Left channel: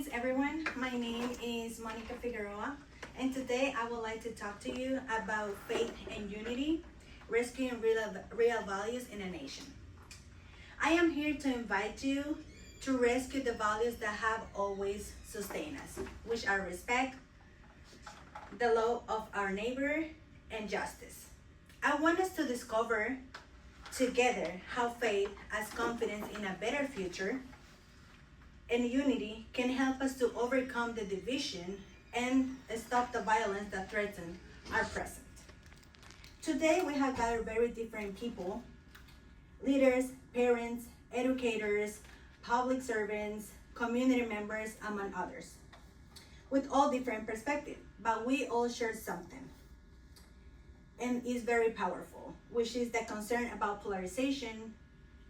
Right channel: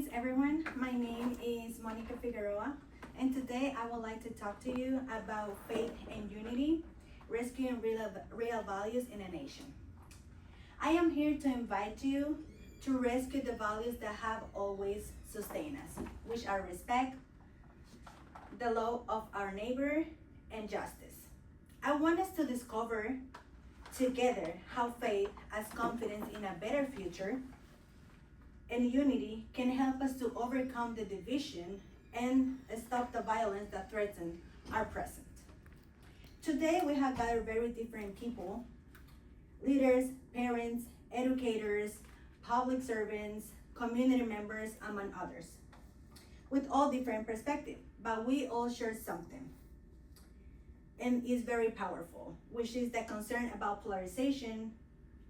Greetings, everyone. My name is Monica Figueroa, and today I would like to talk to you about faith and unity, rescuing real values in a nation. I am here to invite you to rescue the values that have always sustained us, which are respect, the love of our neighbor, and justice. I want us to discover together how faith as confidence in a better future and unity can help us to overcome the division and stop the violence that threatens our present. Today we have gathered very different people, leaders, parents, educators, public servants, community members, among others, with all different perspectives, but we all share something, and is very powerful, which is the concern about polarization,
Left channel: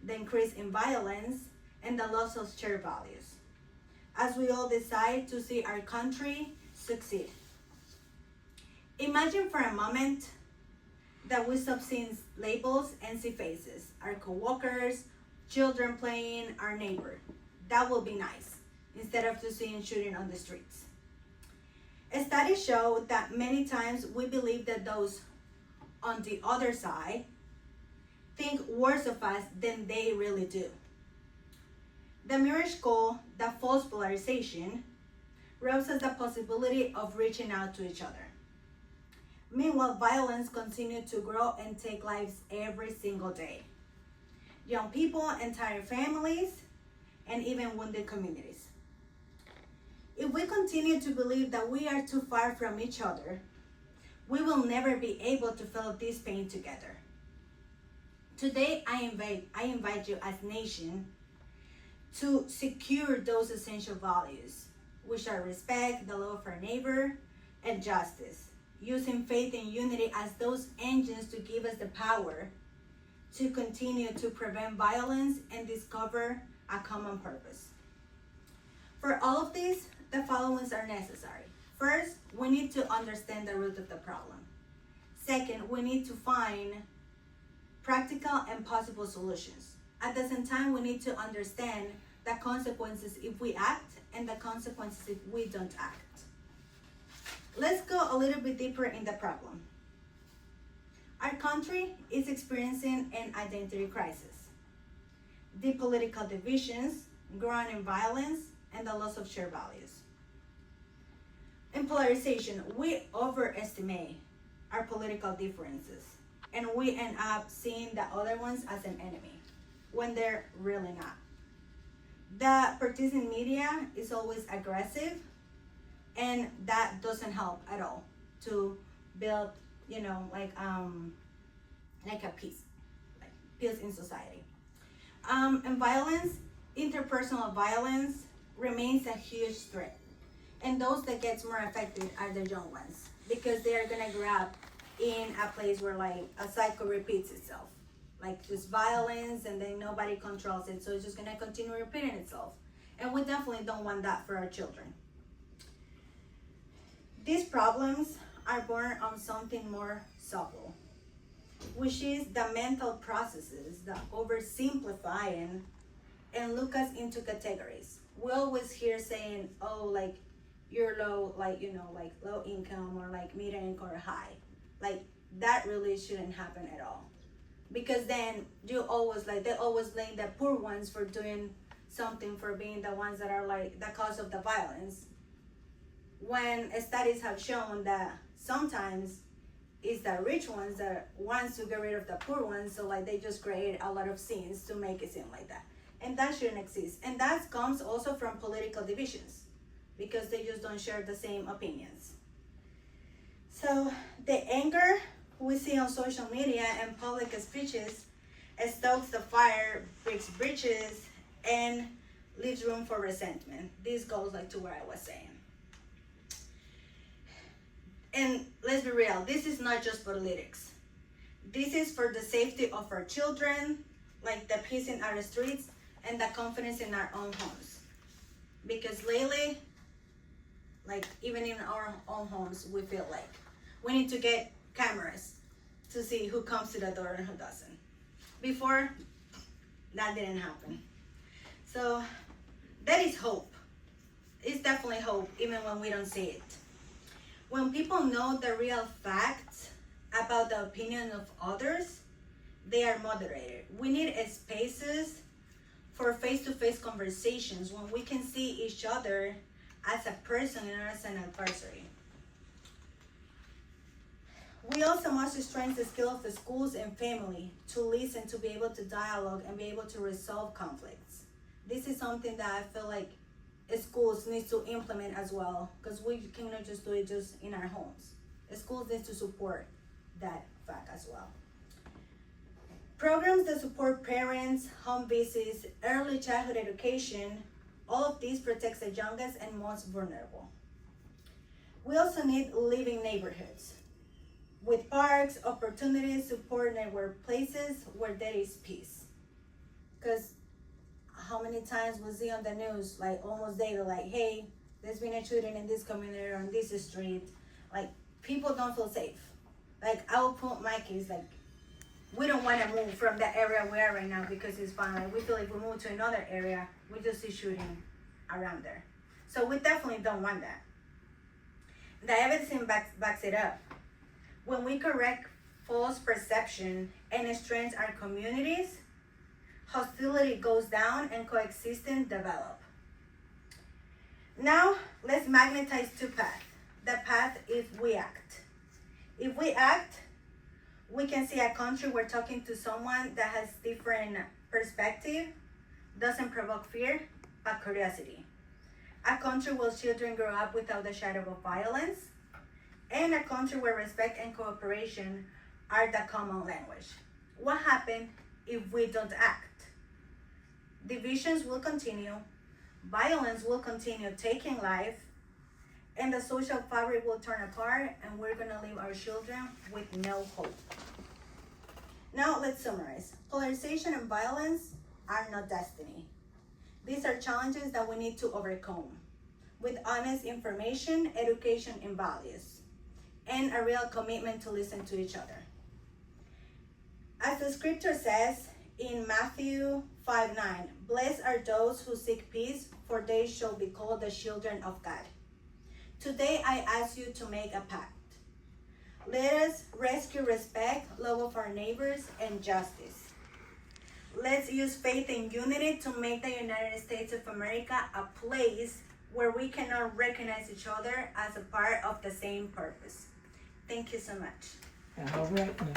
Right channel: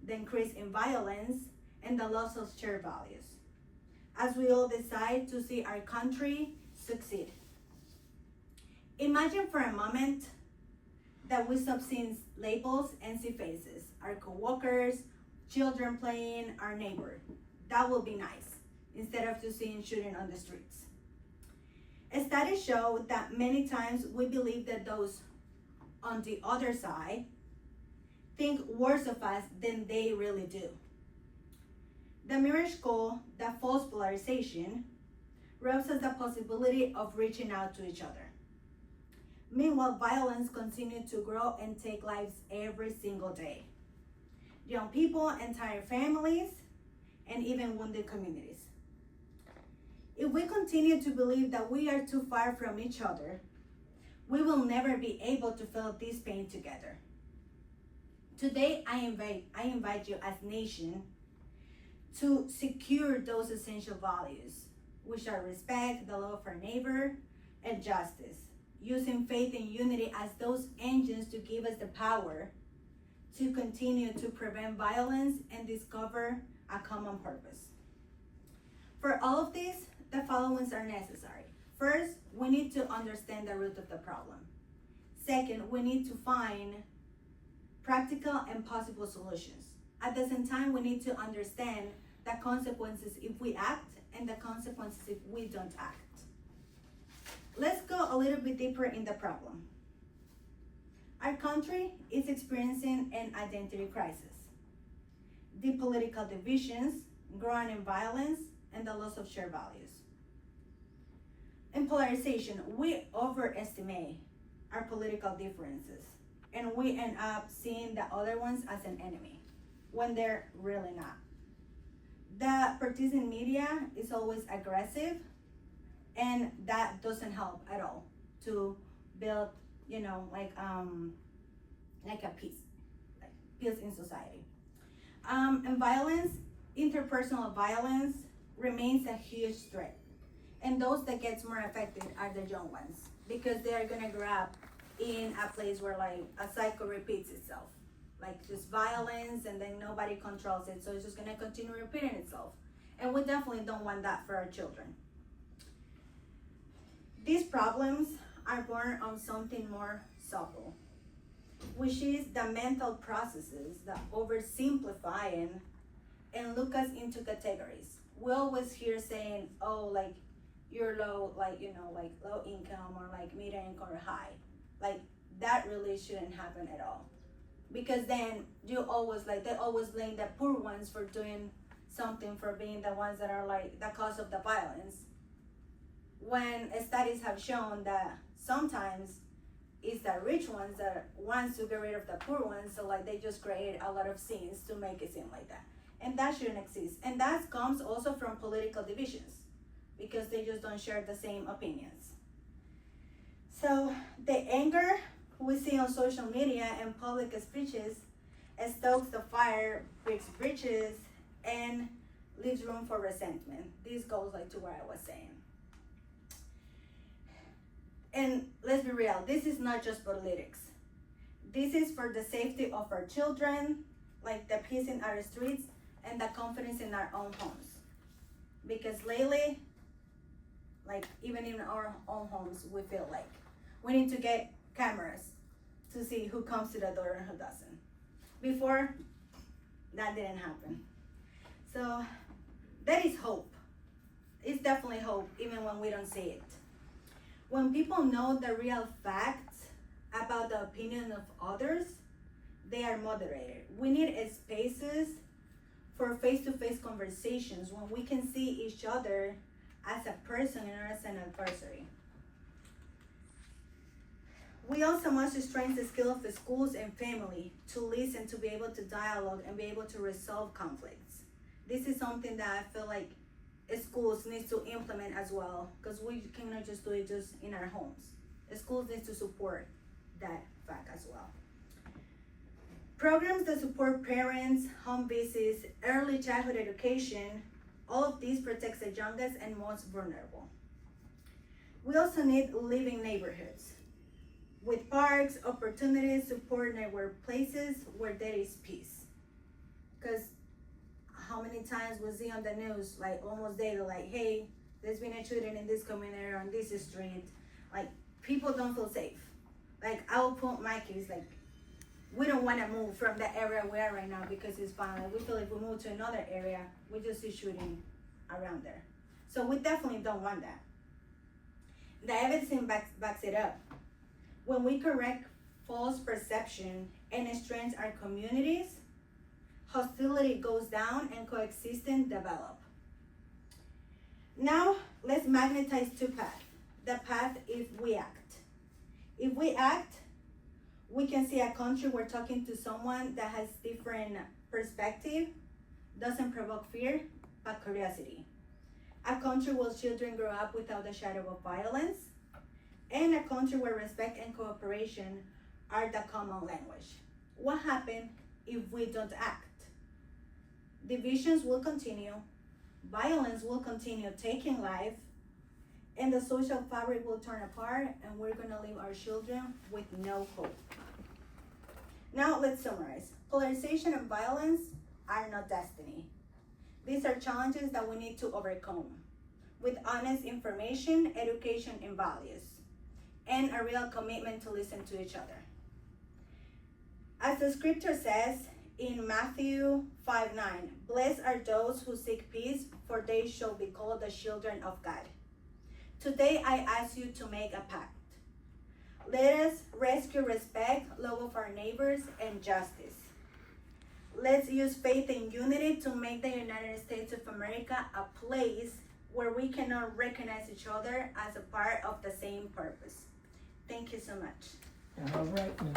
the increase in violence, and the loss of shared values, as we all decide to see our country succeed. Imagine for a moment that we stop seeing labels and see faces, our co-workers, children playing, our neighbor. That would be nice, instead of just seeing shooting on the streets. Studies show that many times we believe that those on the other side think worse of us than they really do. The mirage call that false polarization robs us the possibility of reaching out to each other. Meanwhile, violence continues to grow and take lives every single day. Young people, entire families, and even wounded communities. If we continue to believe that we are too far from each other, we will never be able to feel this pain together. Today, I invite you as nation to secure those essential values, which are respect, the love of our neighbor, and justice, using faith and unity as those engines to give us the power to continue to prevent violence and discover a common purpose. For all of this, the following are necessary. First, we need to understand the root of the problem. Second, we need to find practical and possible solutions. At the same time, we need to understand the consequences if we act and the consequences if we don't act. Let's go a little bit deeper in the problem. Our country is experiencing an identity crisis. The political divisions, growing violence, and the loss of shared values. In polarization, we overestimate our political differences, and we end up seeing the other ones as an enemy, when they're really not. The partisan media is always aggressive, and that doesn't help at all to build, like a peace in society. And violence, interpersonal violence, remains a huge threat. And those that gets more affected are the young ones, because they are gonna grow up in a place where like a cycle repeats itself, like just violence, and then nobody controls it, so it's just gonna continue repeating itself. And we definitely don't want that for our children. These problems are born of something more subtle, which is the mental processes that oversimplifying and look us into categories. We always hear saying, oh, like you're low, like low income, or like medium income or high. Like that really shouldn't happen at all. Because then they always blame the poor ones for doing something, for being the ones that are like the cause of the violence. When studies have shown that sometimes it's the rich ones that wants to get rid of the poor ones, so like they just create a lot of scenes to make it seem like that. And that shouldn't exist. And that comes also from political divisions, because they just don't share the same opinions. So the anger we see on social media and public speeches stokes the fire, breaks bridges, and leaves room for resentment. This goes like to what I was saying. And let's be real, this is not just politics. This is for the safety of our children, like the peace in our streets, and the confidence in our own homes. Because lately, like even in our own homes, we feel like we need to get cameras to see who comes to the door and who doesn't. Before, that didn't happen. So that is hope. it's definitely hope, even when we don't see it. When people know the real facts about the opinion of others, they are moderated. We need spaces for face-to-face conversations when we can see each other as a person and as an adversary. We also must strengthen the skill of the schools and family to listen, to be able to dialogue, and be able to resolve conflicts. This is something that I feel like schools need to implement as well, because we cannot just do it just in our homes. The schools need to support that fact as well. Programs that support parents, home visits, early childhood education, all of these protects the youngest and most vulnerable. We also need living neighborhoods with parks, opportunities, support network places where there is peace. Because how many times we see on the news, like almost daily, like, hey, there's been a shooting in this community or on this street. Like, people don't feel safe. Like, I will put my kids, like, we don't want to move from the area we are right now because it's fine. Like, we feel like we move to another area, we just see shooting around there. So we definitely don't want that. The evidence backs it up. When we correct false perception and strengthen our communities, hostility goes down and coexistence develop. Now, let's magnetize two paths. The path if we act. If we act, we can see a country where talking to someone that has different perspective doesn't provoke fear, but curiosity. A country where children grow up without the shadow of violence, and a country where respect and cooperation are the common language. What happens if we don't act? Divisions will continue, violence will continue taking life, and the social fabric will turn apart, and we're gonna leave our children with no hope. Now let's summarize. Polarization and violence are not destiny. These are challenges that we need to overcome with honest information, education, and values, and a real commitment to listen to each other. As the scripture says in Matthew 5:9, blessed are those who seek peace, for they shall be called the children of God. Today I ask you to make a pact. Let us rescue respect, love of our neighbors, and justice. Let's use faith and unity to make the United States of America a place where we can all recognize each other as a part of the same purpose. Thank you so much. All right, now.